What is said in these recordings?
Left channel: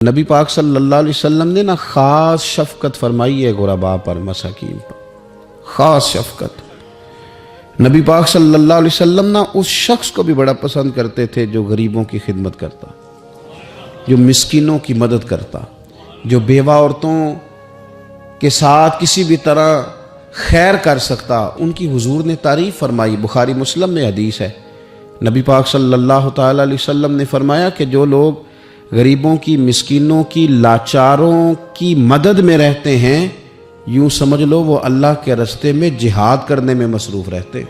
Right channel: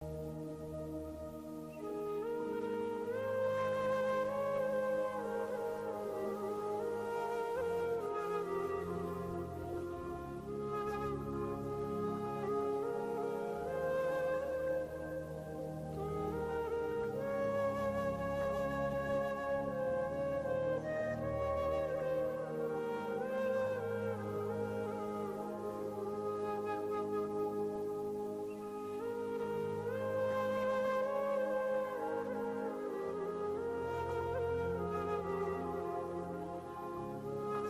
نبی پاک صلی اللہ علیہ وسلم نے نا خاص شفقت فرمائی ہے غرباء پر، مساکین پر، خاص شفقت۔ نبی پاک صلی اللہ علیہ وسلم نا اس شخص کو بھی بڑا پسند کرتے تھے جو غریبوں کی خدمت کرتا، جو مسکینوں کی مدد کرتا، جو بیوہ عورتوں کے ساتھ کسی بھی طرح خیر کر سکتا، ان کی حضور نے تعریف فرمائی۔ بخاری مسلم میں حدیث ہے، نبی پاک صلی اللہ تعالیٰ علیہ وسلم نے فرمایا کہ جو لوگ غریبوں کی، مسکینوں کی، لاچاروں کی مدد میں رہتے ہیں، یوں سمجھ لو وہ اللہ کے راستے میں جہاد کرنے میں مصروف رہتے۔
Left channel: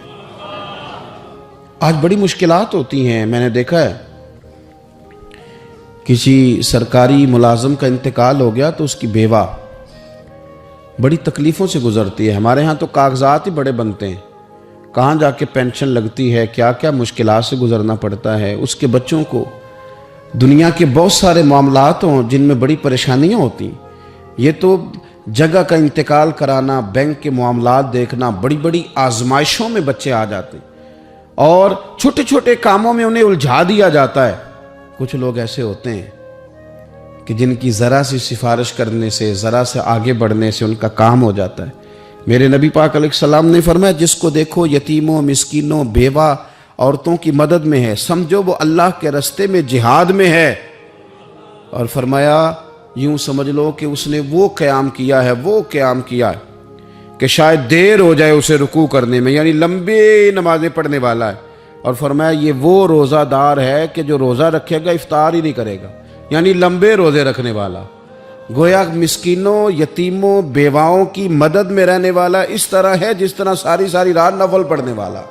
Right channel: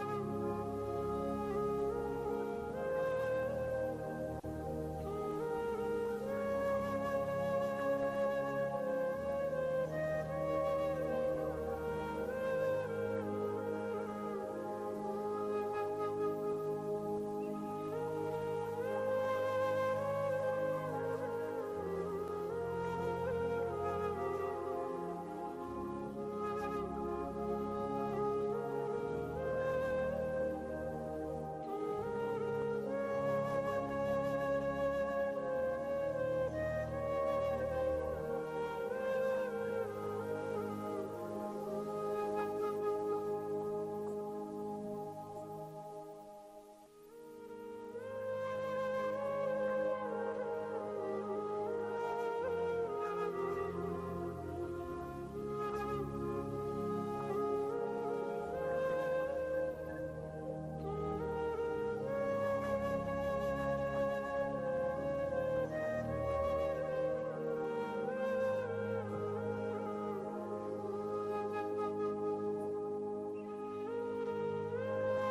آج بڑی مشکلات ہوتی ہیں، میں نے دیکھا ہے کسی سرکاری ملازم کا انتقال ہو گیا تو اس کی بیوہ بڑی تکلیفوں سے گزرتی ہے۔ ہمارے ہاں تو کاغذات ہی بڑے بنتے ہیں، کہاں جا کے پینشن لگتی ہے، کیا کیا مشکلات سے گزرنا پڑتا ہے۔ اس کے بچوں کو دنیا کے بہت سارے معاملات ہوں جن میں بڑی پریشانیاں ہوتی ہیں۔ یہ تو جگہ کا انتقال کرانا، بینک کے معاملات دیکھنا، بڑی بڑی آزمائشوں میں بچے آ جاتے ہیں اور چھوٹے چھوٹے کاموں میں انہیں الجھا دیا جاتا ہے۔ کچھ لوگ ایسے ہوتے ہیں کہ جن کی ذرا سی سفارش کرنے سے، ذرا سے آگے بڑھنے سے ان کا کام ہو جاتا ہے۔ میرے نبی پاک علیہ السلام نے فرمایا جس کو دیکھو یتیموں، مسکینوں، بیوہ عورتوں کی مدد میں ہے، سمجھو وہ اللہ کے راستے میں جہاد میں ہے، اور فرمایا یوں سمجھ لو کہ اس نے وہ قیام کیا ہے کہ شاید دیر ہو جائے اسے رکوع کرنے میں، یعنی لمبی نمازیں پڑھنے والا ہے۔ اور فرمایا یہ وہ روزہ دار ہے کہ جو روزہ رکھے گا افطار ہی نہیں کرے گا، یعنی لمبے روزے رکھنے والا۔ گویا مسکینوں، یتیموں، بیواؤں کی مدد میں رہنے والا اس طرح ہے جس طرح ساری ساری رات نفل پڑھنے والا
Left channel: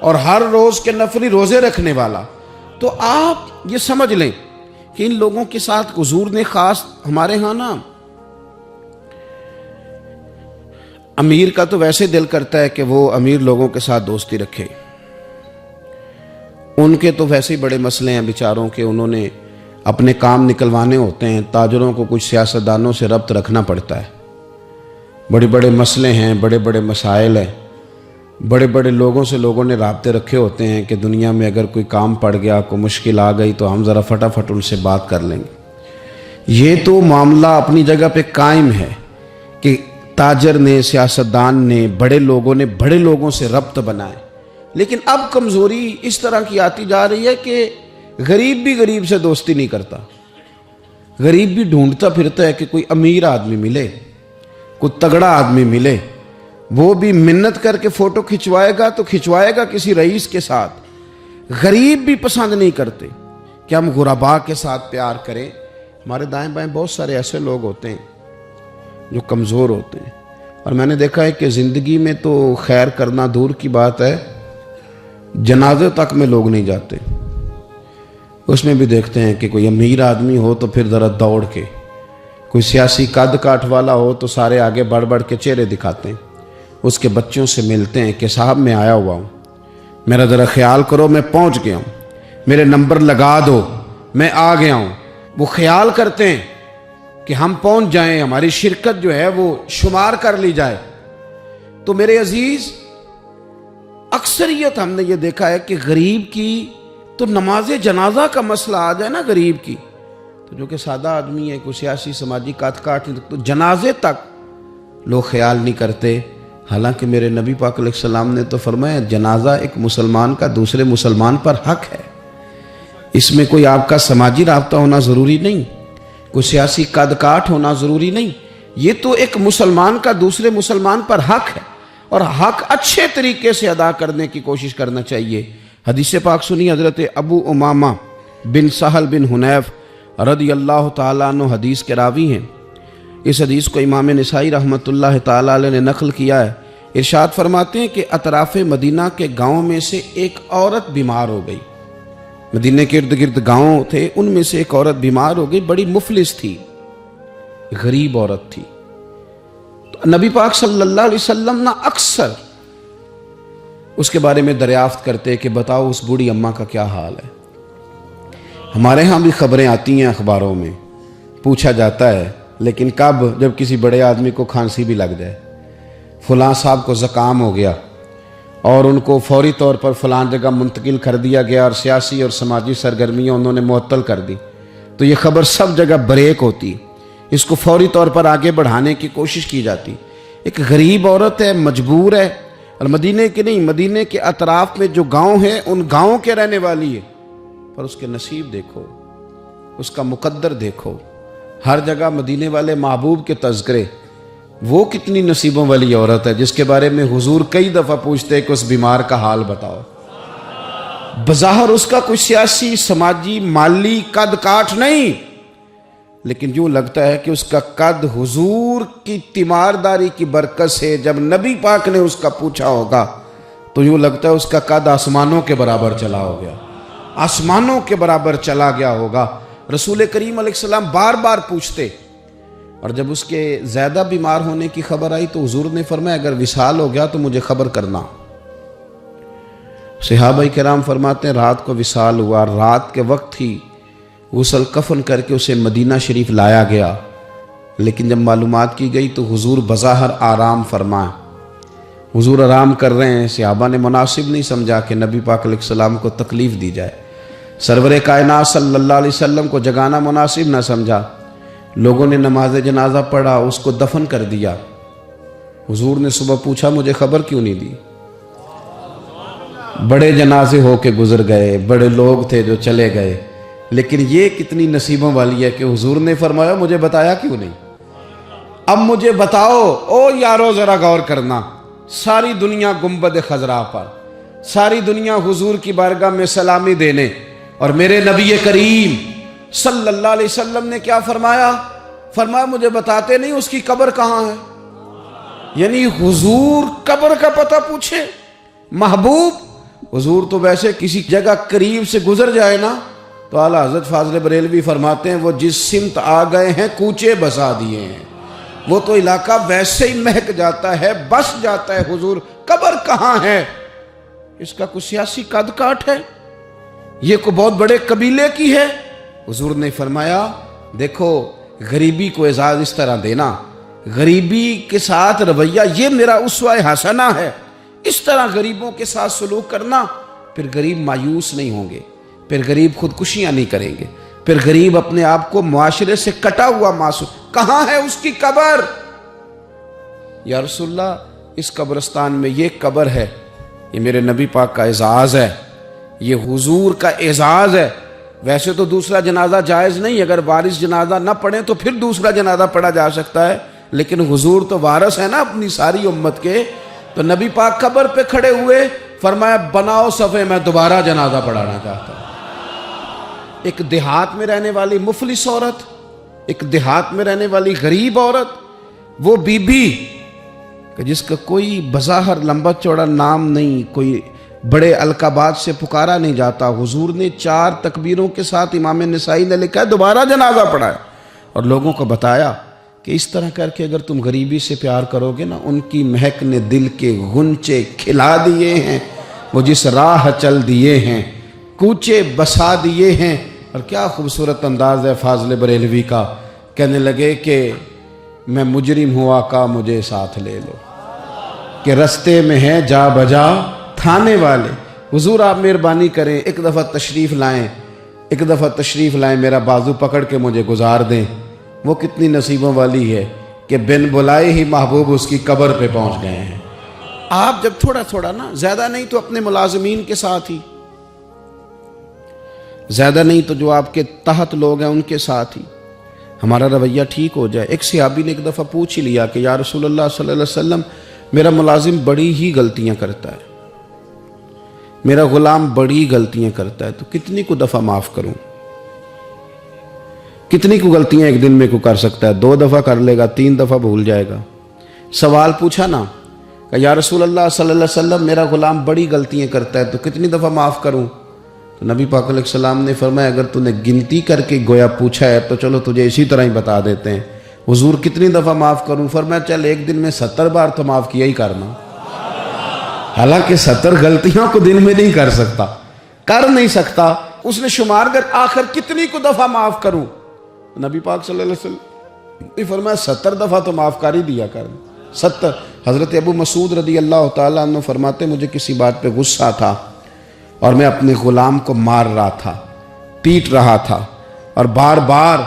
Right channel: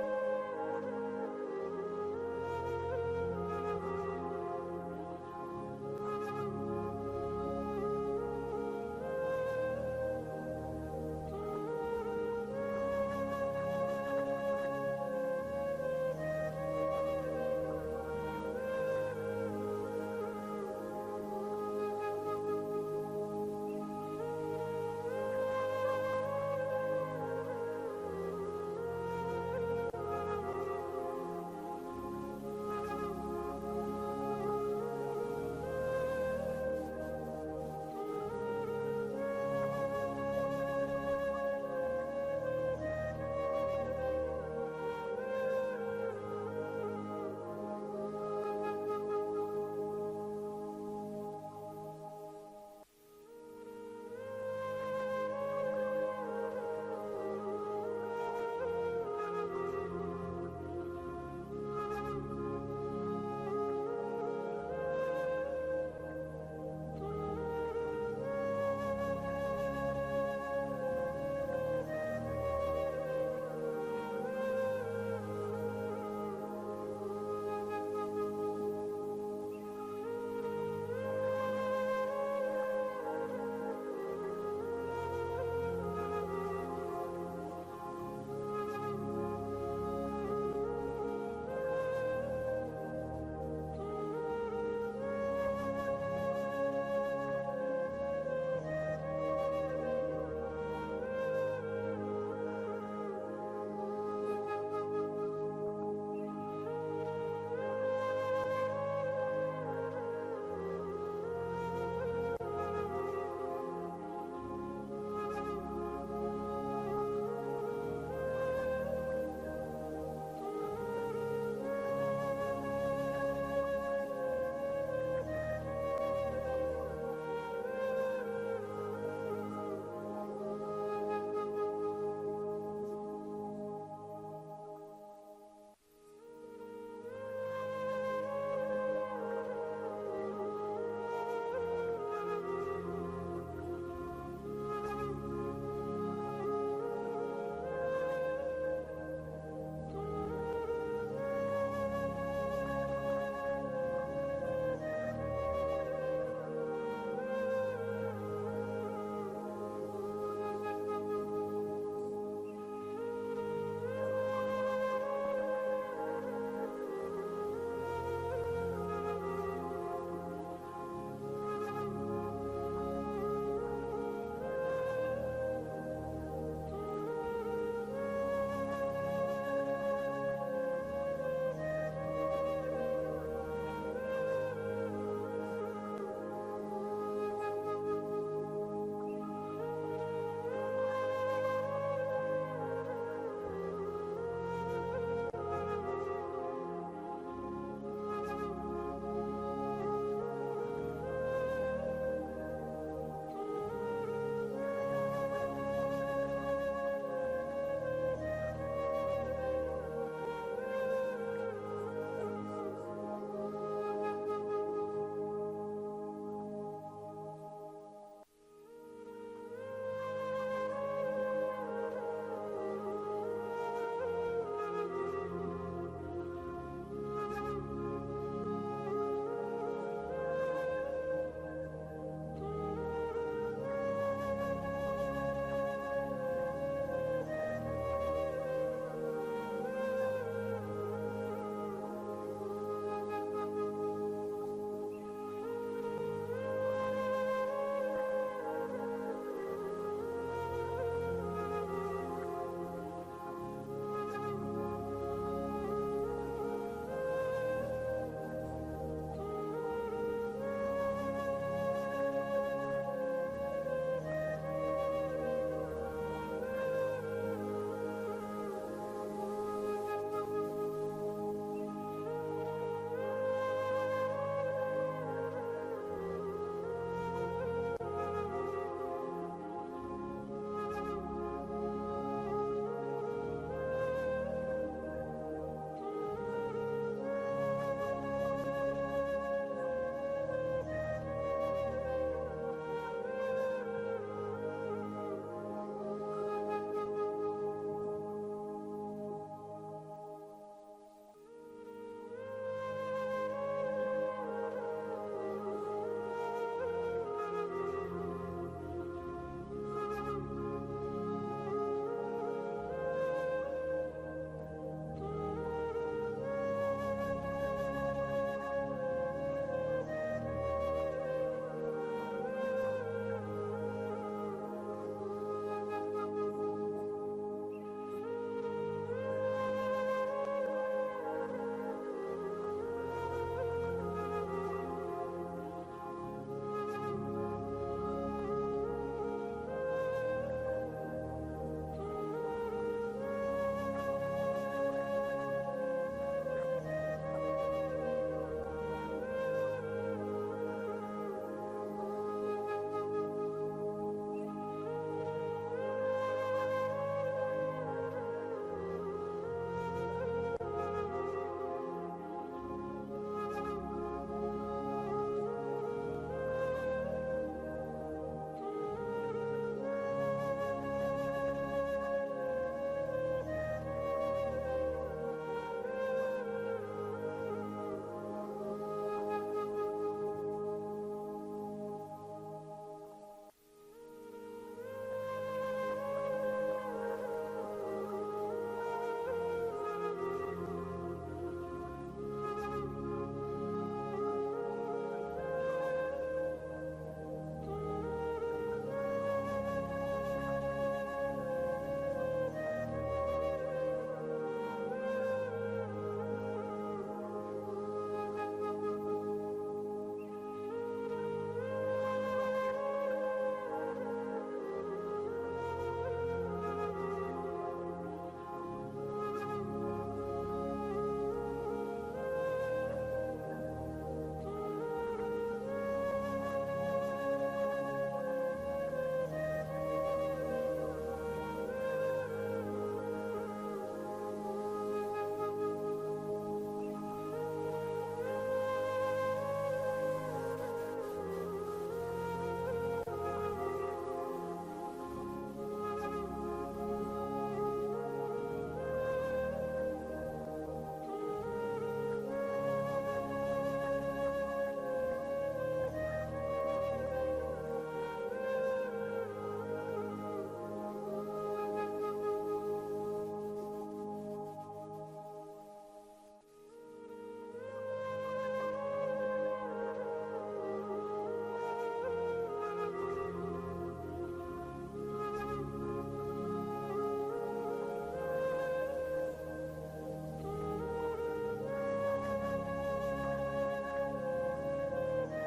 اور ہر روز کے نفلی روزے رکھنے والا۔ تو آپ یہ سمجھ لیں کہ ان لوگوں کے ساتھ حضور نے خاص، ہمارے ہاں نا امیر کا تو ویسے دل کرتا ہے کہ وہ امیر لوگوں کے ساتھ دوستی رکھے، ان کے تو ویسے ہی بڑے مسئلے ہیں بیچاروں کے، انہوں نے اپنے کام نکلوانے ہوتے ہیں، تاجروں کو کچھ سیاستدانوں سے ربط رکھنا پڑتا ہے، بڑے بڑے مسئلے ہیں، بڑے بڑے مسائل ہیں، بڑے بڑے لوگوں سے لوگوں نے رابطے رکھے ہوتے ہیں کہ دنیا میں اگر کوئی کام پڑ گیا، کوئی مشکل آ گئی تو ہم ذرا فٹافٹ ان سے بات کر لیں گے۔ یہ تو معاملہ اپنی جگہ پہ قائم ہے کہ تاجر نے، سیاستدان نے، بڑے لوگوں نے بڑے لوگوں سے ربط بنائے، لیکن اب کمزوری اس طرح کی آتی جا رہی ہے کہ غریب بھی غریب سے دوستی نہیں کرتا، غریب بھی ڈھونڈتا پھرتا ہے کہ کوئی امیر آدمی ملے، کوئی تگڑا آدمی ملے، وہ بھی منت کر کے فوٹو کھچوائے گا تو کھچوائے گا کسی رئیس کے ساتھ۔ غریب بھی پسند نہیں کرتے کہ ہم غرباء کے ساتھ پیار کریں۔ ہمارے دائیں بائیں بہت سارے ایسے لوگ ہوتے ہیں جو کمزور ہوتے ہیں، اور میں نے دیکھا ہے کہ زندگی میں تو خیر کرنا دور کی بات ہے، جنازے تک میں لوگ نہیں جاتے۔ اس میں بھی دیکھتے ہیں کہ کوئی امیر آدمی ہو تو پھر ذرا دوڑ کے، کوئی سیاسی قد کاٹ والا ہو تو سارے آگے بڑھ بڑھ کے چہرے دکھاتے ہیں، اس کے بچوں سے ملتے ہیں کہ صاحب میں آیا ہوا ہوں، میرا ذرا خیال کرو، میں پہنچ گیا ہوں، میرے نمبر لگا دو، میں آ گیا ہوں۔ وہ خیال کرتے ہیں کہ ہم پہنچ جائیں، ہماری شرکت جو ہے وہ شمار کر لی جائے۔ تو میرے عزیز، اکثریت ہم نے یہ دیکھا ہے کہ غریب کی تو نماز جنازہ کا مسئلہ آ جائے نا غریب کی، تو جو کہ سادہ آدمی ہے، کوئی سیاسی سماجی کاٹ تو جنازے تک لوگ خیال نہیں کرتے۔ حالانکہ میرے نبی پاک علیہ السلام نے تو فرمایا جنازہ ایک مسلمان کا دوسرے مسلمان پر حق ہے، اس میں کوئی آپ کا سماجی رابطہ ہونا ضروری نہیں، کوئی سیاسی قد کاٹ ہونا ضروری نہیں، یہ تو ایک مسلمان کا دوسرے مسلمان پر حق ہے، اور حق اچھے طریقے سے ادا کرنے کی کوشش کرنا چاہیے۔ حدیث پاک سنی، حضرت ابو امامہ بن سہل بن حنیف رضی اللہ تعالیٰ عنہ حدیث کے راوی ہیں۔ اس حدیث کو امام نسائی رحمۃ اللہ تعالیٰ علیہ نے نقل کیا ہے۔ ارشاد فرماتے ہیں کہ اطراف مدینہ کے گاؤں میں سے ایک عورت بیمار ہو گئی، مدینہ کے ارد گرد گاؤں تھے، ان میں سے ایک عورت بیمار ہو گئی، بڑی مفلس تھی، غریب عورت تھی۔ تو نبی پاک صلی اللہ علیہ وسلم نے اکثر اس کے بارے میں دریافت کرتے کہ بتاؤ اس بوڑھی اماں کا کیا حال ہے۔ ہمارے ہاں بھی خبریں آتی ہیں اخباروں میں، پوچھا جاتا ہے، لیکن کب؟ جب کسی بڑے آدمی کو کھانسی بھی لگ جائے، فلاں صاحب کو زکام ہو گیا اور ان کو فوری طور پر فلاں جگہ منتقل کر دیا گیا اور سیاسی اور سماجی سرگرمیاں انہوں نے معطل کر دی، تو یہ خبر سب جگہ بریک ہوتی، اس کو فوری طور پر آگے بڑھانے کی کوشش کی جاتی۔ ایک غریب عورت ہے، مجبور ہے، اور مدینے کے نہیں، مدینے کے اطراف میں جو گاؤں ہیں ان گاؤں کے رہنے والی ہے، پر اس کے نصیب دیکھو، اس کا مقدر دیکھو، ہر جگہ مدینے والے محبوب کے تذکرے۔ وہ کتنی نصیبوں والی عورت ہے جس کے بارے میں حضور کئی دفعہ پوچھتے ہیں کہ اس بیمار کا حال بتاؤ۔ بظاہر اس کا کوئی سیاسی، سماجی، مالی قد کاٹ نہیں، لیکن یوں لگتا ہے کہ اس کا قد حضور کی تیمارداری کی برکت سے، جب نبی پاک نے اس کا پوچھا ہوگا تو یوں لگتا ہے اس کا قد آسمانوں کے برابر چلا ہو گیا، آسمانوں کے برابر چلا گیا ہوگا۔ رسول کریم علیہ السلام بار بار پوچھتے، اور جب اس کے زیادہ بیمار ہونے کی خبر آئی تو حضور نے فرمایا اگر وصال ہو گیا تو مجھے خبر کرنا۔ صحابہ کرام فرماتے ہیں رات کو وصال ہوا، رات کے وقت ہی غسل کفن کر کے اسے مدینہ شریف لایا گیا، لیکن جب معلومات کی گئی تو حضور بظاہر آرام فرمائے، حضور آرام کر رہے ہیں۔ صحابہ نے مناسب نہیں سمجھا کہ نبی پاک علیہ السلام کو تکلیف دی جائے، سرور کائنات صلی اللہ علیہ وسلم کو جگانا مناسب نہ سمجھا۔ لوگوں نے نماز جنازہ پڑھا، اس کو دفن کر دیا۔ حضور نے صبح پوچھا مجھے خبر کیوں نہیں دی؟ بڑے جنازے ہو کے گزر گئے، بڑے لوگ تھے جو چلے گئے، لیکن یہ کتنی نصیبوں والی ہے کہ حضور نے فرمایا مجھے بتایا کیوں نہیں؟ اب مجھے بتاؤ۔ او یارو ذرا غور کرنا، ساری دنیا گنبد خضرا پر، ساری دنیا حضور کی بارگاہ میں سلامی دینے، اور میرے نبی کریم صلی اللہ علیہ وسلم نے کیا فرمایا؟ فرمایا مجھے بتاتے نہیں اس کی قبر کہاں ہے؟ یعنی حضور قبر کا پتہ پوچھے؟ محبوب حضور تو ویسے کسی جگہ قریب سے گزر جائے نا تو اعلیٰ حضرت فاضل بریلوی فرماتے ہیں وہ جس سمت آ گئے ہیں کوچے بسا دیے ہیں، وہ تو علاقہ ویسے ہی مہک جاتا ہے، بس جاتا ہے۔ حضور قبر کہاں ہے؟ اس کا کوئی سیاسی قد کاٹ ہے؟ یہ کوئی بہت بڑے قبیلے کی ہے؟ حضور نے فرمایا دیکھو غریبی کو اعزاز اس طرح دینا، غریبی کے ساتھ رویہ یہ میرا اسوہ حسنہ ہے، اس طرح غریبوں کے ساتھ سلوک کرنا، پھر غریب مایوس نہیں ہوں گے، پھر غریب خودکشیاں نہیں کریں گے، پھر غریب اپنے آپ کو معاشرے سے کٹا ہوا محسوس۔ کہاں ہے اس کی قبر؟ یا رسول اللہ اس قبرستان میں یہ قبر ہے، یہ میرے نبی پاک کا اعزاز ہے، یہ حضور کا اعزاز ہے۔ ویسے تو دوسرا جنازہ جائز نہیں، اگر وارث جنازہ نہ پڑھیں تو پھر دوسرا جنازہ پڑھا جا سکتا ہے، لیکن حضور تو وارث ہے نا اپنی ساری امت کے۔ تو نبی پاک قبر پہ کھڑے ہوئے، فرمایا بناؤ صفے، میں دوبارہ جنازہ پڑھانا چاہتا ہوں۔ ایک دیہات میں رہنے والی مفلس عورت، ایک دیہات میں رہنے والی غریب عورت، وہ بی بی کہ جس کا کوئی بظاہر لمبا چوڑا نام نہیں، کوئی بڑے القابات سے پکارا نہیں جاتا، حضور نے 4 تکبیروں کے ساتھ امام نسائی نے لکھا ہے دوبارہ جنازہ پڑھایا، اور لوگوں کو بتایا کہ اس طرح کر کے اگر تم غریبی سے پیار کرو گے نا، ان کی مہک نے دل کے غنچے کھلا دیے ہیں، وہ جس راہ چل دیے ہیں کوچے بسا دیے ہیں۔ اور کیا خوبصورت انداز ہے فاضل بریلوی کا، کہنے لگے کہ میں مجرم ہوں آقا مجھے ساتھ لے لو، کہ رستے میں ہیں جا بجا تھانے والے۔ حضور آپ مہربانی کریں، ایک دفعہ تشریف لائیں، ایک دفعہ تشریف لائیں، میرا بازو پکڑ کے مجھے گزار دیں۔ وہ کتنی نصیبوں والی ہے کہ بن بلائے ہی محبوب اس کی قبر پہ پہنچ گئے ہیں۔ آپ جب تھوڑا تھوڑا نا، زیادہ نہیں تو اپنے ملازمین کے ساتھ ہی، زیادہ نہیں تو جو آپ کے تحت لوگ ہیں ان کے ساتھ ہی ہمارا رویہ ٹھیک ہو جائے۔ ایک صحابی نے ایک دفعہ پوچھ ہی لیا کہ یا رسول اللہ صلی اللہ علیہ وسلم میرا ملازم بڑی ہی غلطیاں کرتا ہے، میرا غلام بڑی غلطیاں کرتا ہے، تو کتنی کو دفعہ معاف کروں؟ کتنی کو غلطیاں ایک دن میں کو کر سکتا ہے؟ 2 دفعہ کر لے گا، 3 دفعہ بھول جائے گا۔ سوال پوچھا نا کہ یا رسول اللہ صلی اللہ علیہ وسلم میرا غلام بڑی غلطیاں کرتا ہے تو کتنی دفعہ معاف کروں؟ تو نبی پاک علیہ السلام نے فرمایا اگر تو نے گنتی کر کے گویا پوچھا ہے تو چلو تجھے اسی طرح ہی بتا دیتے ہیں۔ حضور کتنی دفعہ معاف کروں؟ فرمایا چل ایک دن میں 70 بار تو معاف کیا ہی کرنا۔ حالانکہ 70 غلطیوں کو دن میں نہیں کر سکتا، کر نہیں سکتا، اس نے شمار کر آخر کتنی کو دفعہ معاف کروں؟ نبی پاک صلی اللہ علیہ وسلم نے فرمایا 70 دفعہ تو معاف کر ہی دیا کر۔ 70۔ حضرت ابو مسعود رضی اللہ تعالیٰ عنہ فرماتے مجھے کسی بات پہ غصہ تھا اور میں اپنے غلام کو مار رہا تھا، پیٹ رہا تھا، اور بار بار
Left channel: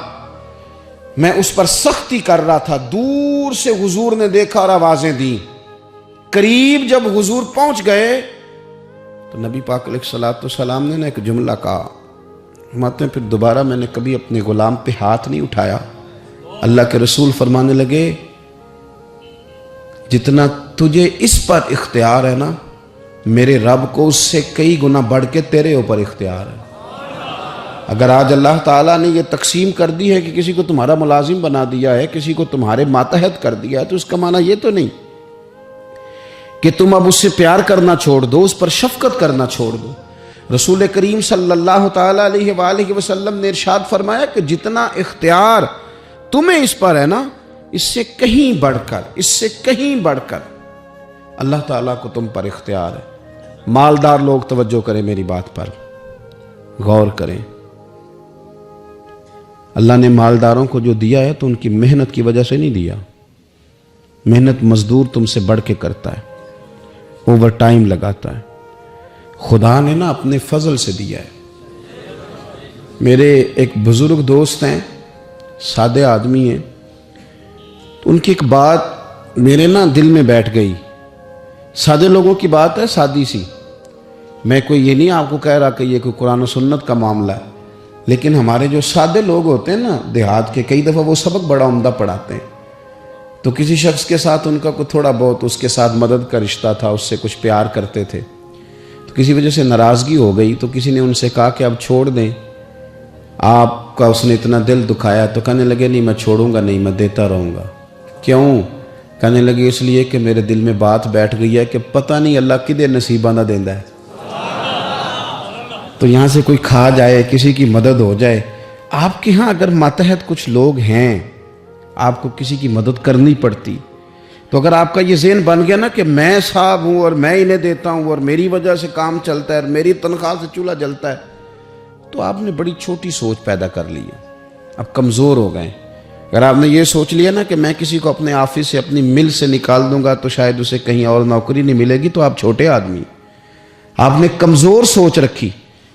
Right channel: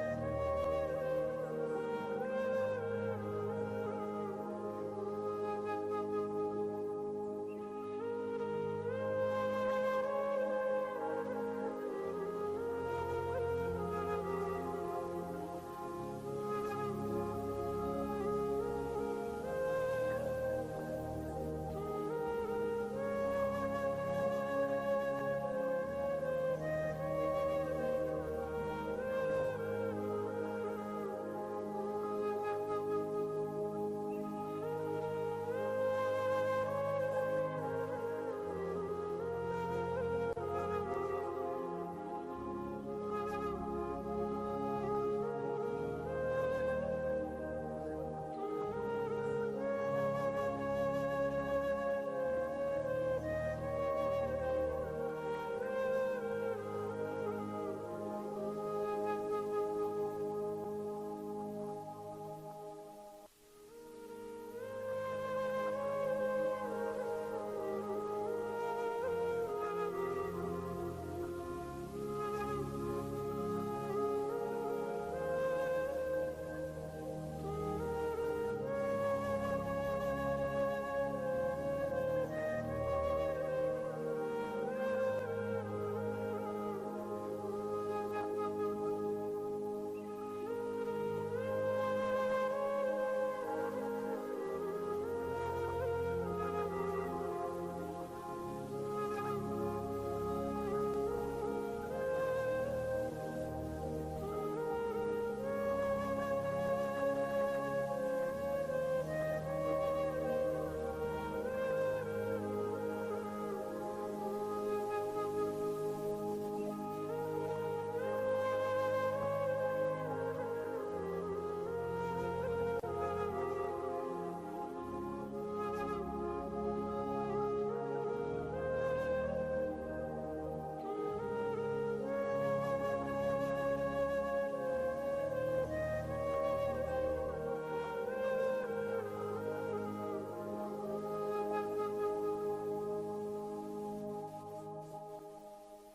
میں اس پر سختی کر رہا تھا. دور سے حضور نے دیکھا اور آوازیں دی. قریب جب حضور پہنچ گئے تو نبی پاک علیہ الصلوۃ والسلام نے ایک جملہ کہا. فرماتے ہیں پھر دوبارہ میں نے کبھی اپنے غلام پہ ہاتھ نہیں اٹھایا. اللہ کے رسول فرمانے لگے جتنا تجھے اس پر اختیار ہے نا، میرے رب کو اس سے کئی گنا بڑھ کے تیرے اوپر اختیار ہے. اگر آج اللہ تعالیٰ نے یہ تقسیم کر دی ہے کہ کسی کو تمہارا ملازم بنا دیا ہے، کسی کو تمہارے ماتحت کر دیا ہے، تو اس کا معنی یہ تو نہیں کہ تم اب اس سے پیار کرنا چھوڑ دو، اس پر شفقت کرنا چھوڑ دو. رسول کریم صلی اللہ تعالیٰ علیہ وآلہ وسلم نے ارشاد فرمایا کہ جتنا اختیار تمہیں اس پر ہے نا، اس سے کہیں بڑھ کر اللہ تعالیٰ کو تم پر اختیار ہے. مالدار لوگ توجہ کریں، میری بات پر غور کریں. اللہ نے مالداروں کو جو دیا ہے تو ان کی محنت کی وجہ سے نہیں دیا. محنت مزدور تم سے بڑھ کے کرتا ہے، اوور ٹائم لگاتا ہے. خدا نے نا اپنے فضل سے دیا ہے. میرے ایک بزرگ دوست ہیں، سادے آدمی ہیں. ان کی ایک بات میرے نا دل میں بیٹھ گئی. سادے لوگوں کی بات ہے، سادی سی. میں کوئی یہ نہیں آپ کو کہہ رہا کہ یہ کوئی قرآن و سنت کا معاملہ ہے، لیکن ہمارے جو سادے لوگ ہوتے ہیں نا دیہات کے، کئی دفعہ وہ سبق بڑا عمدہ پڑھاتے ہیں. تو کسی شخص کے ساتھ ان کا کوئی تھوڑا بہت اس کے ساتھ مدد کا رشتہ تھا، اس سے کچھ پیار کرتے تھے. تو کسی وجہ سے ناراضگی ہو گئی تو کسی نے ان سے کہا کہ اب چھوڑ دیں، آپ کا اس نے اتنا دل دکھایا. تو کہنے لگے نہیں میں چھوڑوں گا نہیں، میں دیتا رہوں گا. کیوں؟ کہنے لگے اس لیے کہ میرے دل میں بات بیٹھ گئی ہے کہ پتہ نہیں اللہ کدے نصیبہ نہ دیندا ہے. تو یہاں سے کوئی کھا جائے، کسی کی مدد ہو جائے. آپ کے ہاں اگر ماتحت کچھ لوگ ہیں، آپ کو کسی کی مدد کرنی پڑتی، تو اگر آپ کا یہ ذہن بن گیا نا کہ میں صاحب ہوں اور میں انہیں دیتا ہوں اور میری وجہ سے کام چلتا ہے اور میری تنخواہ سے چولہا جلتا ہے، تو آپ نے بڑی چھوٹی سوچ پیدا کر لی ہے. اب کمزور ہو گئے. اگر آپ نے یہ سوچ لیا نا کہ میں کسی کو اپنے آفس سے اپنی مل سے نکال دوں گا تو شاید اسے کہیں اور نوکری نہیں ملے گی، تو آپ چھوٹے آدمی. آپ نے کمزور سوچ رکھی.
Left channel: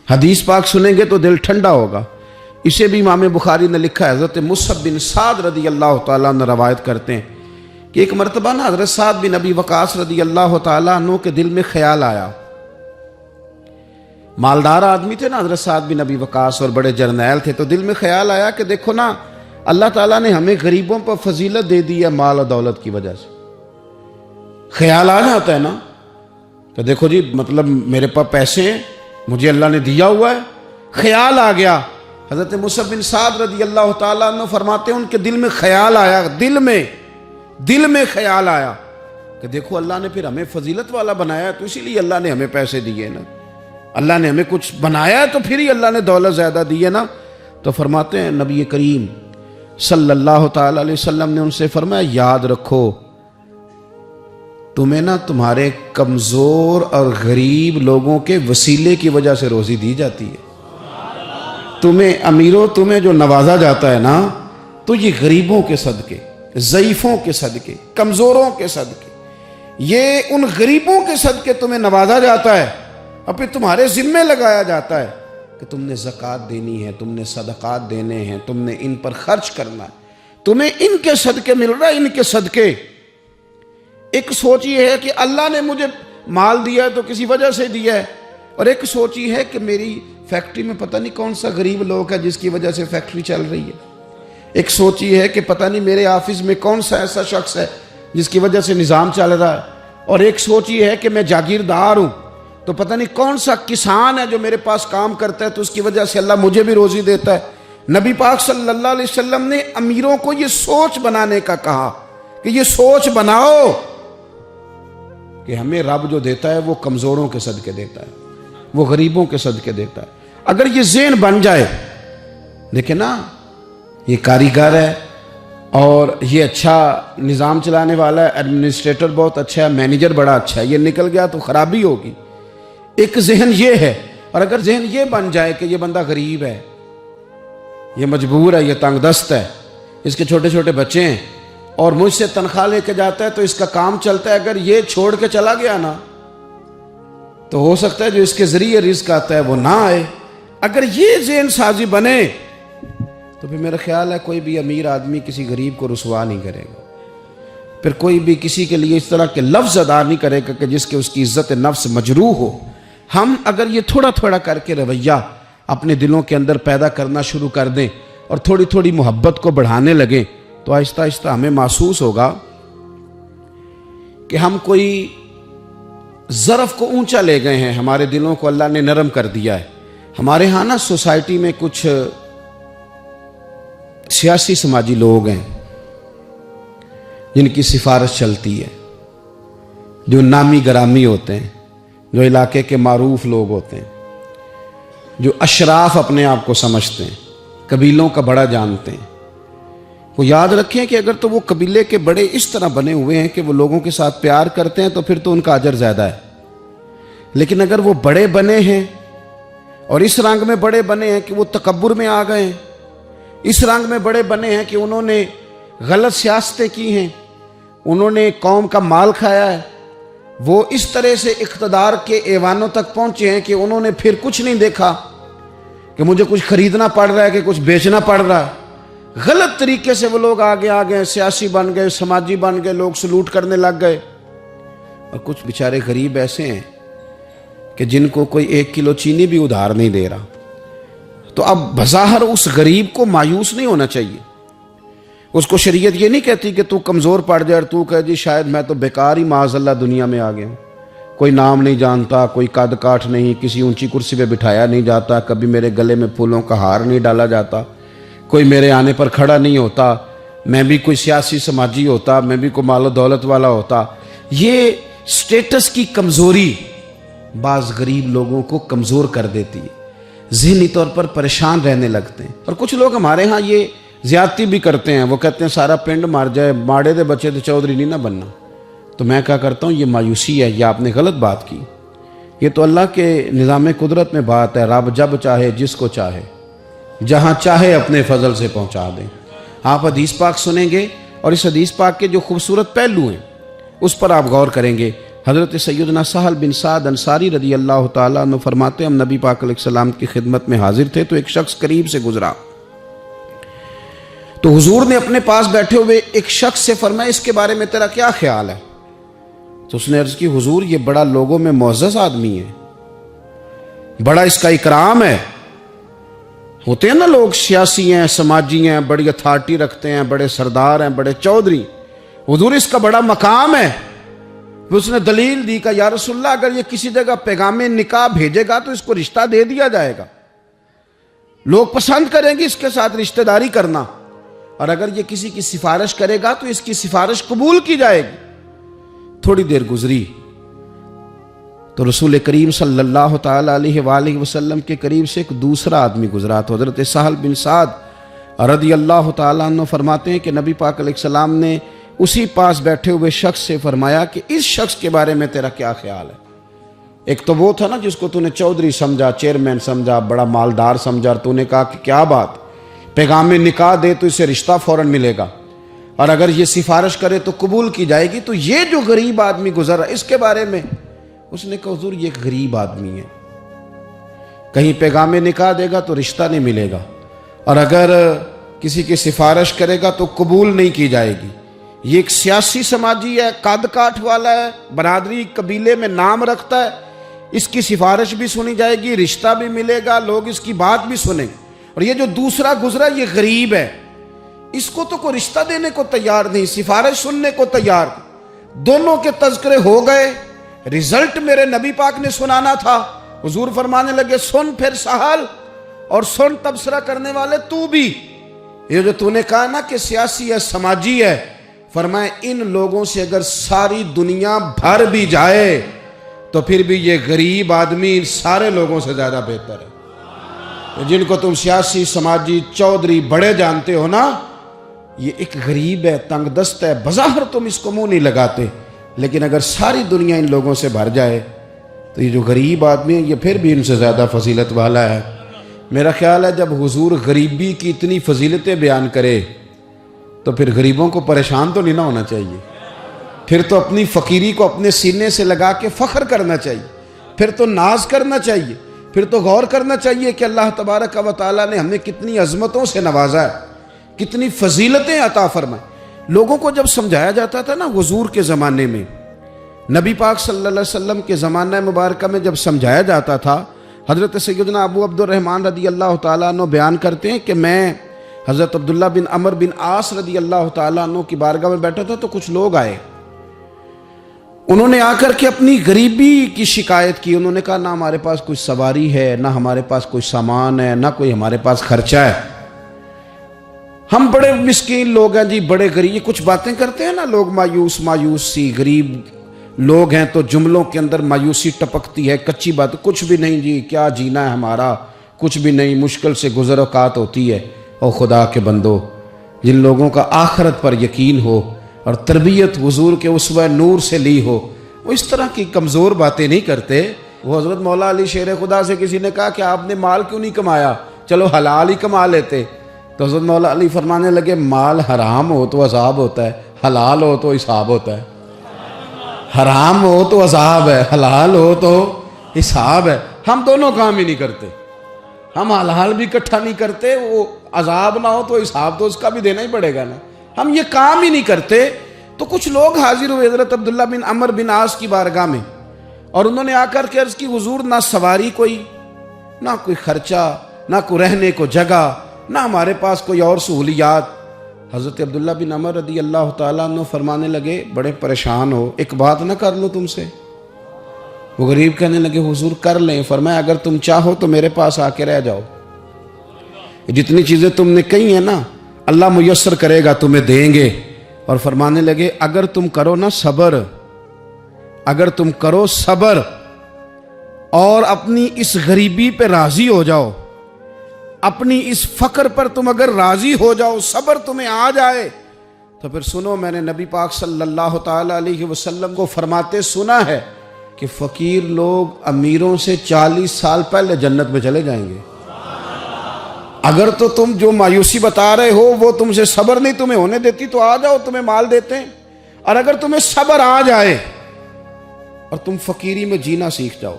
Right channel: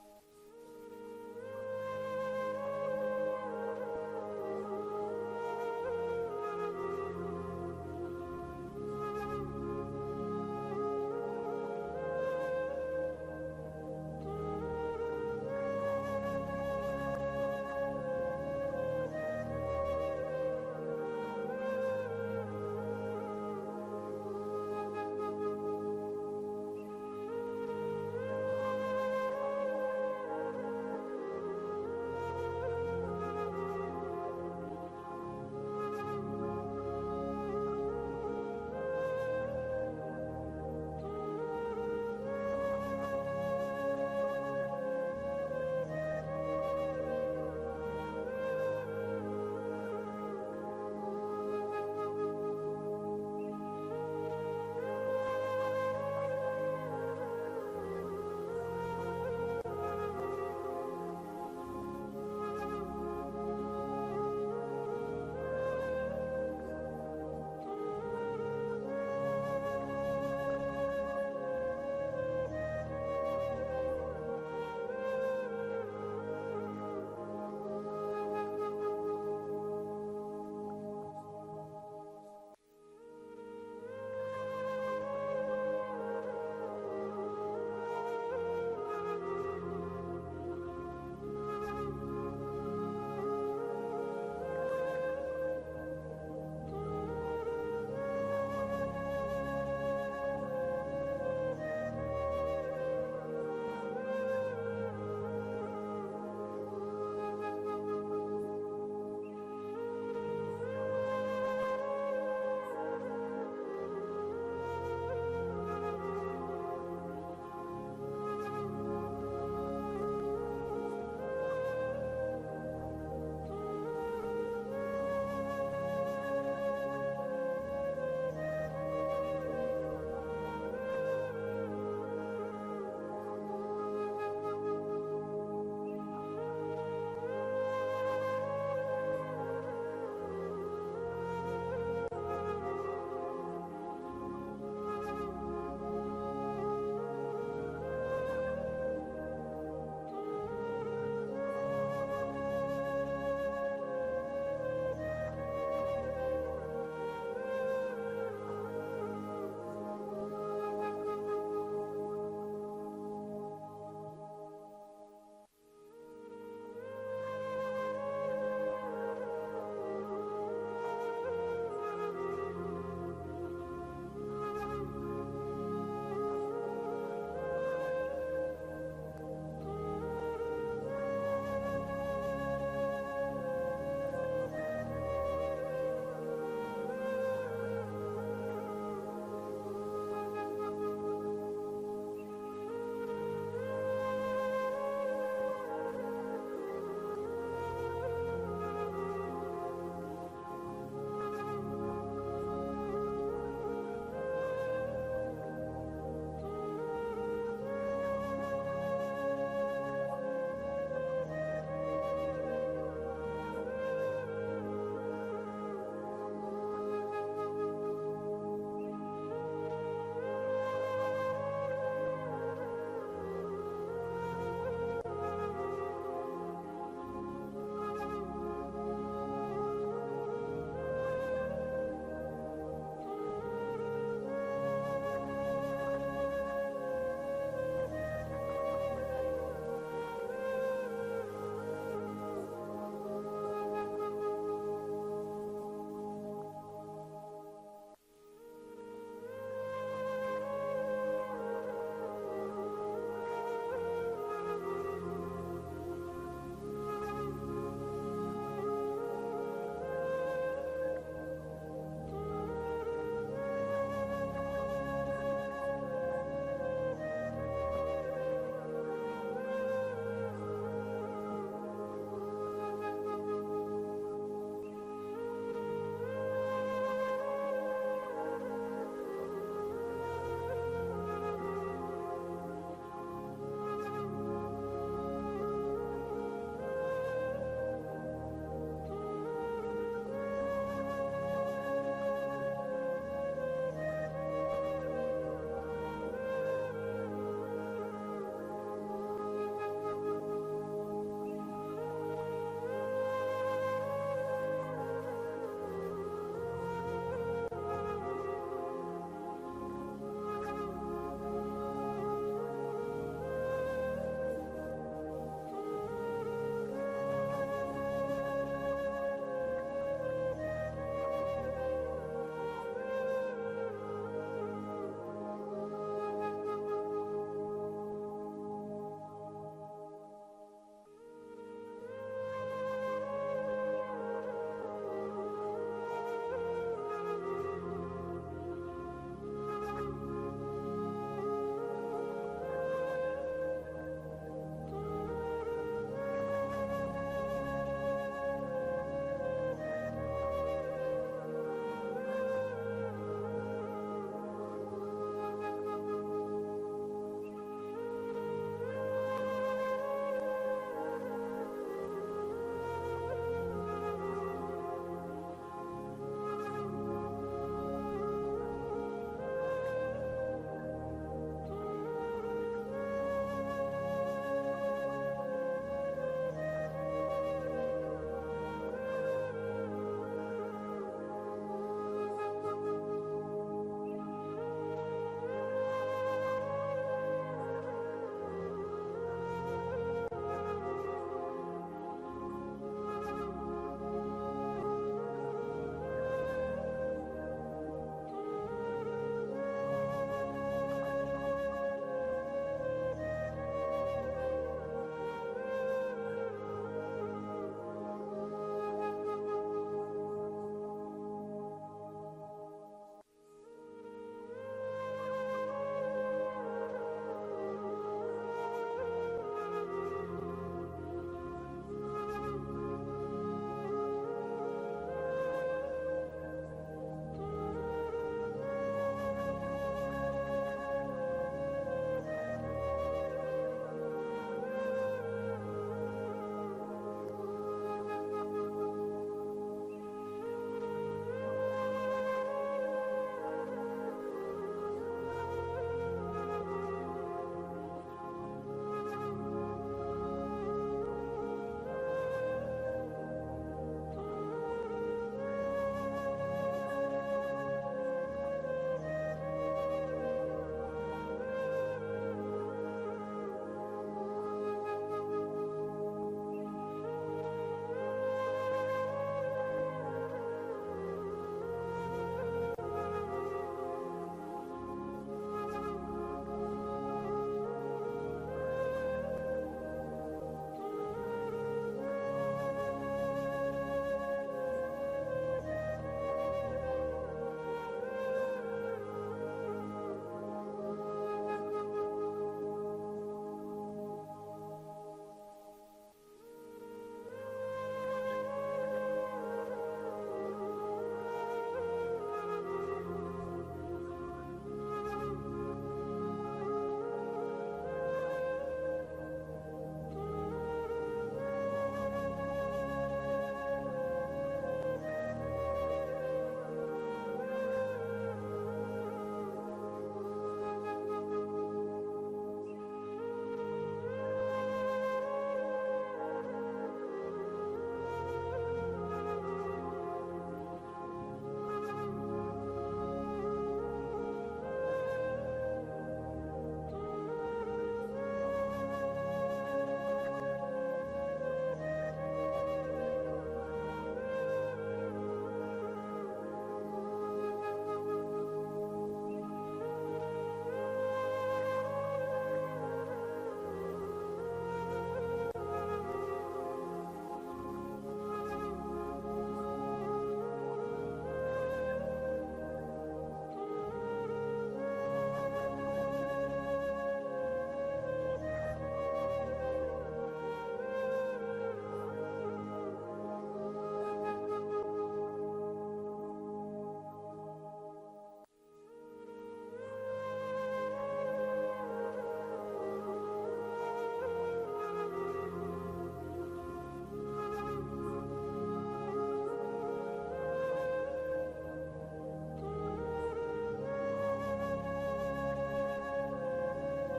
حدیث پاک سنیں گے تو دل ٹھنڈا ہوگا. اسے بھی امام بخاری نے لکھا ہے. حضرت مصعب بن سعد رضی اللہ تعالیٰ عنہ روایت کرتے ہیں کہ ایک مرتبہ نا حضرت سعد بن ابی وقاص رضی اللہ تعالیٰ عنہ کے دل میں خیال آیا. مالدار آدمی تھے نا حضرت سعد بن ابی وقاص اور بڑے جرنیل تھے. تو دل میں خیال آیا کہ دیکھو نا اللہ تعالیٰ نے ہمیں غریبوں پر فضیلت دے دی ہے مال و دولت کی وجہ سے. خیال آ جاتا ہے نا کہ دیکھو جی مطلب میرے پاس پیسے ہیں، مجھے اللہ نے دیا ہوا ہے. خیال آ گیا. حضرت مصعب بن سعد رضی اللہ تعالیٰ عنہ فرماتے ہیں ان کے دل میں خیال آیا، دل میں خیال آیا کہ دیکھو اللہ نے پھر ہمیں فضیلت والا بنایا تو اسی لیے اللہ نے ہمیں پیسے دیے نا. اللہ نے ہمیں کچھ بنایا تو پھر ہی اللہ نے دولت زیادہ دی ہے نا. تو فرماتے ہیں نبی کریم صلی اللہ تعالیٰ علیہ وسلم نے ان سے فرمایا یاد رکھو تمہیں نا تمہارے کمزور اور غریب لوگوں کے وسیلے کی وجہ سے روزی دی جاتی ہے. تمہیں امیروں تمہیں جو نوازا جاتا ہے نا تو یہ غریبوں کے صدقے، ضعیفوں کے صدقے، کمزوروں کے صدقے، یہ ان غریبوں کے صدقے تمہیں نوازا جاتا ہے اور پھر تمہارے ذمے لگایا جاتا ہے کہ تم نے زکوٰۃ دینی ہے، تم نے صدقات دینے ہیں، تم نے ان پر خرچ کرنا ہے، تمہیں ان کے صدقے مل رہا ہے، ان کے صدقے. ایک سوچ یہ ہے کہ اللہ نے مجھے مال دیا ہے تو کسی وجہ سے دیا ہے، اور ایک سوچ یہ ہے کہ میری فیکٹری میں پتہ نہیں کون سا غریب لوگ ہے جس کی وجہ سے فیکٹری چل رہی ہے. ایک سوچ یہ ہے کہ پتہ نہیں میرے آفس میں کون سا ایسا شخص ہے جس کی وجہ سے نظام چل رہا ہے. اور ایک سوچ یہ ہے کہ میں جاگیردار ہوں تو پتہ نہیں کون سا کسان ہے جو میرے پاس کام کرتا ہے تو اس کی وجہ سے اللہ مجھے بھی روزی دیتا ہے. نبی پاک صلی اللہ علیہ وسلم نے امیروں کو یہ سوچ بنانے کا کہا کہ یہ سوچ بناؤ کہ ہمیں رب جو دیتا ہے وہ کمزوروں کے صدقے دیتا ہے، وہ غریبوں کے صدقے دیتا ہے. اگر یہ ذہن بن جائے، دیکھیں نا یہ کاریگر ہے اور یہ اچھا نظام چلانے والا ہے، ایڈمنسٹریٹر بہت اچھا ہے، مینیجر بڑا اچھا ہے، یہ نکل گیا تو خرابی ہوگی. ایک ذہن یہ ہے. اور اگر ذہن یہ بن جائے کہ یہ بندہ غریب ہے، یہ مجبور ہے، یہ تنگ دست ہے، اس کے چھوٹے چھوٹے بچے ہیں اور مجھ سے تنخواہ لے کے جاتا ہے تو اس کا کام چلتا ہے، اگر یہ چھوڑ کے چلا گیا نا تو ہو سکتا ہے جو اس کے ذریعے رزق آتا ہے وہ نہ آئے. اگر یہ ذہن سازی بنے تو پھر میرا خیال ہے کوئی بھی امیر آدمی کسی غریب کو رسوا نہیں کرے گا، پھر کوئی بھی کسی کے لیے اس طرح کے لفظ ادا نہیں کرے گا کہ جس کے اس کی عزت نفس مجروح ہو۔ ہم اگر یہ تھوڑا تھوڑا کر کے رویہ اپنے دلوں کے اندر پیدا کرنا شروع کر دیں اور تھوڑی تھوڑی محبت کو بڑھانے لگیں تو آہستہ آہستہ ہمیں محسوس ہوگا کہ ہم کوئی ظرف کو اونچا لے گئے ہیں، ہمارے دلوں کو اللہ نے نرم کر دیا ہے۔ ہمارے ہاں نا سوسائٹی میں کچھ سیاسی سماجی لوگ ہیں جن کی سفارش چلتی ہے، جو نامی گرامی ہوتے ہیں، جو علاقے کے معروف لوگ ہوتے ہیں، جو اشراف اپنے آپ کو سمجھتے ہیں، قبیلوں کا بڑا جانتے ہیں۔ وہ یاد رکھیں کہ اگر تو وہ قبیلے کے بڑے اس طرح بنے ہوئے ہیں کہ وہ لوگوں کے ساتھ پیار کرتے ہیں تو پھر تو ان کا اجر زیادہ ہے، لیکن اگر وہ بڑے بنے ہیں اور اس رنگ میں بڑے بنے ہیں کہ وہ تکبر میں آ گئے ہیں، اس رنگ میں بڑے بنے ہیں کہ انہوں نے غلط سیاستیں کی ہیں، انہوں نے قوم کا مال کھایا ہے، وہ اس طرح سے اقتدار کے ایوانوں تک پہنچے ہیں کہ انہوں نے پھر کچھ نہیں دیکھا کہ مجھے کچھ خریدنا پڑ رہا ہے کہ کچھ بیچنا پڑ رہا ہے۔ غلط طریقے سے وہ لوگ آگے آگے سیاسی بن گئے، سماجی بن گئے، لوگ سلوٹ کرنے لگ گئے۔ اور کچھ بیچارے غریب ایسے ہیں کہ جن کو کوئی 1 کلو چینی بھی ادھار نہیں دے رہا۔ تو اب بظاہر اس غریب کو مایوس نہیں ہونا چاہیے، اس کو شریعت یہ نہیں کہتی کہ تو کمزور پڑ جائے اور تو کہے جی شاید میں تو بیکار ہی معاذ اللہ دنیا میں آ گیا ہوں، کوئی نام نہیں جانتا، کوئی قد کاٹ نہیں، کسی اونچی کرسی پہ بٹھایا نہیں جاتا، کبھی میرے گلے میں پھولوں کا ہار نہیں ڈالا جاتا، کوئی میرے آنے پر کھڑا نہیں ہوتا، میں بھی کوئی سیاسی سماجی ہوتا، میں بھی کوئی مال و دولت والا ہوتا۔ یہ سٹیٹس کی کمزوری بعض غریب لوگوں کو کمزور کر دیتی ہے، ذہنی طور پر پریشان رہنے لگتے ہیں۔ اور کچھ لوگ ہمارے ہاں یہ زیادتی بھی کرتے ہیں، وہ کہتے ہیں سارا پنڈ مار جائے، ماڑے دے بچے تو چودھری نہیں نہ بننا۔ تو میں کیا کرتا ہوں، یہ مایوسی ہے، یہ آپ نے غلط بات کی۔ یہ تو اللہ کے نظام قدرت میں بات ہے، رب جب چاہے جس کو چاہے جہاں چاہے اپنے فضل سے پہنچا دیں۔ آپ حدیث پاک سنیں گے اور اس حدیث پاک کے جو خوبصورت پہلو ہیں اس پر آپ غور کریں گے۔ حضرت سیدنا سہل بن سعد انصاری رضی اللہ تعالیٰ عنہ فرماتے ہیں ہم نبی پاک علیہ السلام کی خدمت میں حاضر تھے تو ایک شخص قریب سے گزرا، تو حضور نے اپنے پاس بیٹھے ہوئے ایک شخص سے فرمایا اس کے بارے میں تیرا کیا خیال ہے؟ تو اس نے عرض کی حضور یہ بڑا لوگوں میں معزز آدمی ہے، بڑا اس کا اکرام ہے۔ ہوتے ہیں نا لوگ سیاسی ہیں، سماجی ہیں، بڑی اتھارٹی رکھتے ہیں، بڑے سردار ہیں، بڑے چودھری، حضور اس کا بڑا مقام ہے۔ اس نے دلیل دی کہ یا رسول اللہ اگر یہ کسی جگہ پیغام نکاح بھیجے گا تو اس کو رشتہ دے دیا جائے گا، لوگ پسند کریں گے اس کے ساتھ رشتہ داری کرنا، اور اگر یہ کسی کی سفارش کرے گا تو اس کی سفارش قبول کی جائے گی۔ تھوڑی دیر گزری تو رسول کریم صلی اللہ تعالیٰ علیہ وآلہ وسلم کے قریب سے ایک دوسرا آدمی گزرا، تو حضرت سہل بن سعد رضی اللہ تعالیٰ عنہ فرماتے ہیں کہ نبی پاک علیہ السلام نے اسی پاس بیٹھے ہوئے شخص سے فرمایا کہ اس شخص کے بارے میں تیرا کیا خیال ہے؟ ایک تو وہ تھا نا جس کو تو نے چودھری سمجھا، چیئرمین سمجھا، بڑا مالدار سمجھا، اور تو نے کہا کہ کیا بات، پیغام نکاح دے تو اسے رشتہ فوراً ملے گا، اور اگر یہ سفارش کرے تو قبول کی جائے گی۔ تو یہ جو غریب آدمی گزر رہا اس کے بارے میں اس نے کہا حضور یہ غریب آدمی ہے، کہیں پیغام نکاح دے گا تو رشتہ نہیں ملے گا، اور اگر کسی کی سفارش کرے گا تو قبول نہیں کی جائے گی۔ یہ ایک سیاسی سماجی ہے، قد کاٹ والا ہے، برادری قبیلے میں نام رکھتا ہے، اس کی سفارش بھی سنی جائے گی، رشتہ بھی ملے گا، لوگ اس کی بات بھی سنیں گے۔ اور یہ جو دوسرا گزرا یہ غریب ہے، اس کو تو کوئی رشتہ دینے کو تیار نہیں، سفارش سننے کو تیار نہیں۔ دونوں کے تذکرے ہو گئے، رزلٹ میرے نبی پاک نے سنانا تھا۔ حضور فرمانے لگے سن پھر سہل، اور سن تبصرہ کرنے والے تو بھی، یہ جو تو نے کہا نا کہ سیاسی ہے، سماجی ہے، فرمائے ان لوگوں سے اگر ساری دنیا بھر بھی جائے تو پھر بھی یہ غریب آدمی ان سارے لوگوں سے زیادہ بہتر ہے۔ جن کو تم سیاسی، سماجی، چودھری بڑے جانتے ہو نا، یہ ایک غریب ہے، تنگ دست ہے، بظاہر تم اس کو منہ نہیں لگاتے، لیکن اگر ساری دنیا ان لوگوں سے بھر جائے تو یہ جو غریب آدمی ہے یہ پھر بھی ان سے زیادہ فضیلت والا ہے۔ میرا خیال ہے جب حضور غریبی کی اتنی فضیلتیں بیان کرے تو پھر غریبوں کو پریشان تو نہیں نہ ہونا چاہیے، پھر تو اپنی فقیری کو اپنے سینے سے لگا کے فخر کرنا چاہیے، پھر تو ناز کرنا چاہیے، پھر تو غور کرنا چاہیے کہ اللہ تبارک و تعالیٰ نے ہمیں کتنی عظمتوں سے نوازا ہے، کتنی فضیلتیں عطا فرمائیں۔ لوگوں کو جب سمجھایا جاتا تھا نا حضور کے زمانے میں، نبی پاک صلی اللہ علیہ وسلم کے زمانہ مبارکہ میں جب سمجھایا جاتا تھا، حضرت سیدنا ابو عبد الرحمن رضی اللہ تعالیٰ عنہ بیان کرتے ہیں کہ میں حضرت عبداللہ بن عمر بن عاص رضی اللہ تعالیٰ عنہ کی بارگاہ میں بیٹھا تھا، تو کچھ لوگ آئے، انہوں نے آ کر کے اپنی غریبی کی شکایت کی۔ انہوں نے کہا نہ ہمارے پاس کوئی سواری ہے، نہ ہمارے پاس کوئی سامان ہے، نہ کوئی ہمارے پاس خرچہ ہے، ہم بڑے مسکین لوگ ہیں جی، بڑے غریب۔ یہ کچھ باتیں کرتے ہیں نا لوگ، مایوس سی، غریب لوگ ہیں تو جملوں کے اندر مایوسی ٹپکتی ہے، کچی بات، کچھ بھی نہیں جی، کیا جینا ہے ہمارا، کچھ بھی نہیں، مشکل سے گزر اوقات ہوتی ہے۔ او خدا کے بندو، جن لوگوں کا آخرت پر یقین ہو اور تربیت حضور کے اسوہ نور سے لی ہو، وہ اس طرح کی کمزور باتیں نہیں کرتے۔ وہ حضرت مولا علی شیر خدا سے کسی نے کہا کہ آپ نے مال کیوں نہیں کمایا، چلو حلال ہی کما لیتے۔ تو حضرت مولا علی فرمانے لگے مال حرام ہو تو عذاب ہوتا ہے، حلال ہو تو حساب ہوتا ہے۔ حرام ہو تو عذاب ہے، حلال ہو تو حساب ہے۔ ہم دونوں کام ہی نہیں کرتے، ہم حلال بھی اکٹھا نہیں کرتے، وہ عذاب نہ ہو تو حساب تو اس کا بھی دینا ہی پڑے گا نا، ہم یہ کام ہی نہیں کرتے۔ تو کچھ لوگ حاضر ہوئے حضرت عبداللہ بن عمر بن عاص کی بارگاہ میں، اور انہوں نے آ کر کے عرض کی حضور نہ سواری کوئی، نہ کوئی خرچہ، نہ کوئی رہنے کو جگہ، نہ ہمارے پاس کوئی اور سہولیات۔ حضرت عبداللہ بن عمر رضی اللہ تعالیٰ عنہ فرمانے لگے بڑے پریشان ہو، ایک بات نہ کر لو تم سے؟ وہ غریب کہنے لگے حضور کر لیں۔ فرمایا اگر تم چاہو تو میرے پاس آ کے رہ جاؤ، جتنی چیزیں تم نے کہی ہیں نا اللہ میسر کرے گا، تمہیں دیں گے۔ اور فرمانے لگے اگر تم کرو نا صبر، اگر تم کرو صبر اور اپنی اس غریبی پہ راضی ہو جاؤ، اپنی اس فقر پر تم اگر راضی ہو جاؤ، صبر تمہیں آ جائے، تو پھر سنو میں نے نبی پاک صلی اللہ تعالی علیہ وسلم کو فرماتے سنا ہے کہ فقیر لوگ امیروں سے 40 سال پہلے جنت میں چلے جائیں گے۔ اگر تو تم جو مایوسی بتا رہے ہو وہ تم سے صبر نہیں تمہیں ہونے دیتی تو آ جاؤ، تمہیں مال دیتے ہیں۔ اور اگر تمہیں صبر آ جائے اور تم فقیری میں جینا سیکھ جاؤ،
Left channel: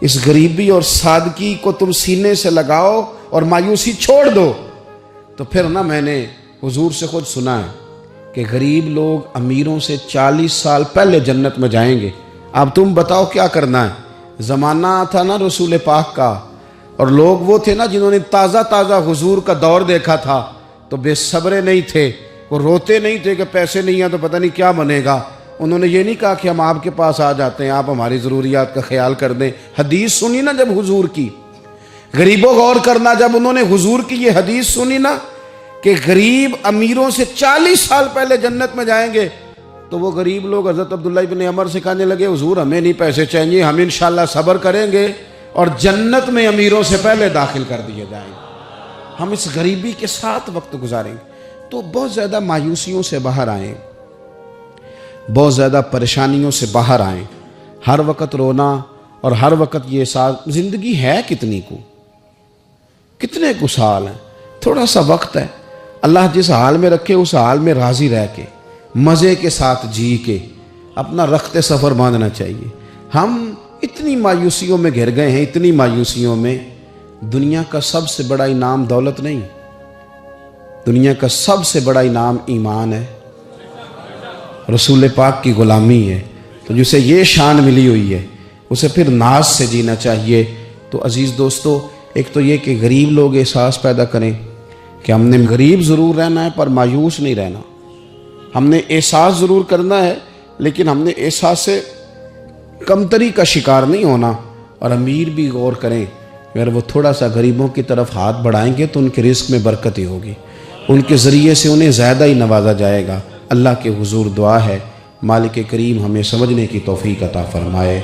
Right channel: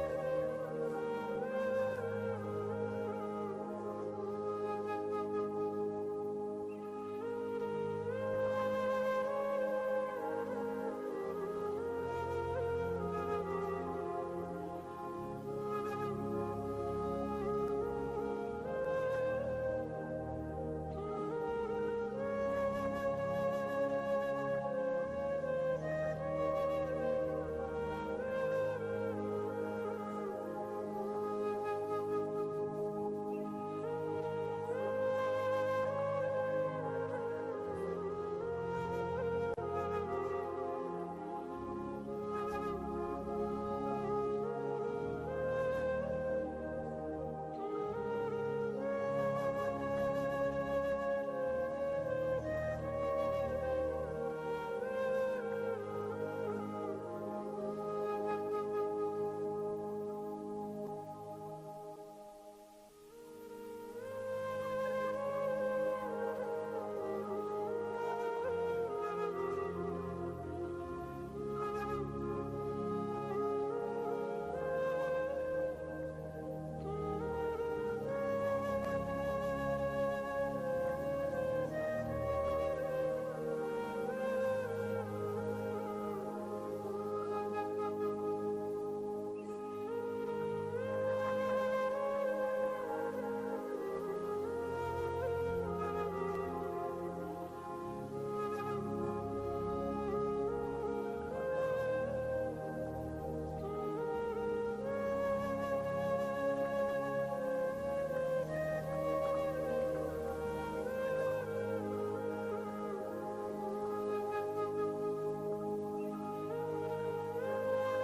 اس غریبی اور سادگی کو تم سینے سے لگاؤ اور مایوسی چھوڑ دو، تو پھر نا میں نے حضور سے خود سنا ہے کہ غریب لوگ امیروں سے 40 سال پہلے جنت میں جائیں گے۔ اب تم بتاؤ کیا کرنا ہے؟ زمانہ تھا نا رسول پاک کا، اور لوگ وہ تھے نا جنہوں نے تازہ تازہ حضور کا دور دیکھا تھا، تو بے صبرے نہیں تھے، وہ روتے نہیں تھے کہ پیسے نہیں ہیں تو پتہ نہیں کیا بنے گا۔ انہوں نے یہ نہیں کہا کہ ہم آپ کے پاس آ جاتے ہیں، آپ ہماری ضروریات کا خیال کر دیں۔ حدیث سنی نا جب حضور کی، غریبوں غور کرنا، جب انہوں نے حضور کی یہ حدیث سنی نا کہ غریب امیروں سے 40 سال پہلے جنت میں جائیں گے، تو وہ غریب لوگ حضرت عبداللہ بن عمر سے کہنے لگے حضور ہمیں نہیں پیسے چاہیے، ہم انشاءاللہ صبر کریں گے اور جنت میں امیروں سے پہلے داخل کر دیے جائیں گے، ہم اس غریبی کے ساتھ وقت گزاریں گے۔ تو بہت زیادہ مایوسیوں سے باہر آئیں، بہت زیادہ پریشانیوں سے باہر آئیں، ہر وقت رونا اور ہر وقت یہ احساس، زندگی ہے کتنی کو، کتنے کو سال ہیں، تھوڑا سا وقت ہے، اللہ جس حال میں رکھے اس حال میں راضی رہ کے مزے کے ساتھ جی کے اپنا رخت سفر باندھنا چاہیے۔ ہم اتنی مایوسیوں میں گھر گئے ہیں، اتنی مایوسیوں میں۔ دنیا کا سب سے بڑا انعام دولت نہیں، دنیا کا سب سے بڑا انعام ایمان ہے، رسول پاک کی غلامی ہے۔ تو جسے یہ شان ملی ہوئی ہے اسے پھر ناز سے جینا چاہیے۔ تو عزیز دوستو، ایک تو یہ کہ غریب لوگ احساس پیدا کریں کہ ہم نے غریب ضرور رہنا ہے پر مایوس نہیں رہنا، ہم نے احساس ضرور کرنا ہے لیکن ہم نے احساس سے کمتری کا شکار نہیں ہونا۔ اور امیر بھی غور کریں، اگر وہ تھوڑا سا غریبوں کی طرف ہاتھ بڑھائیں گے تو ان کے رزق میں برکت ہی ہوگی، ان کے ذریعے سے انہیں زیادہ ہی نوازا جائے گا۔ اللہ کے حضور دعا ہے مالک کریم ہمیں سمجھنے کی توفیق عطا فرمائے۔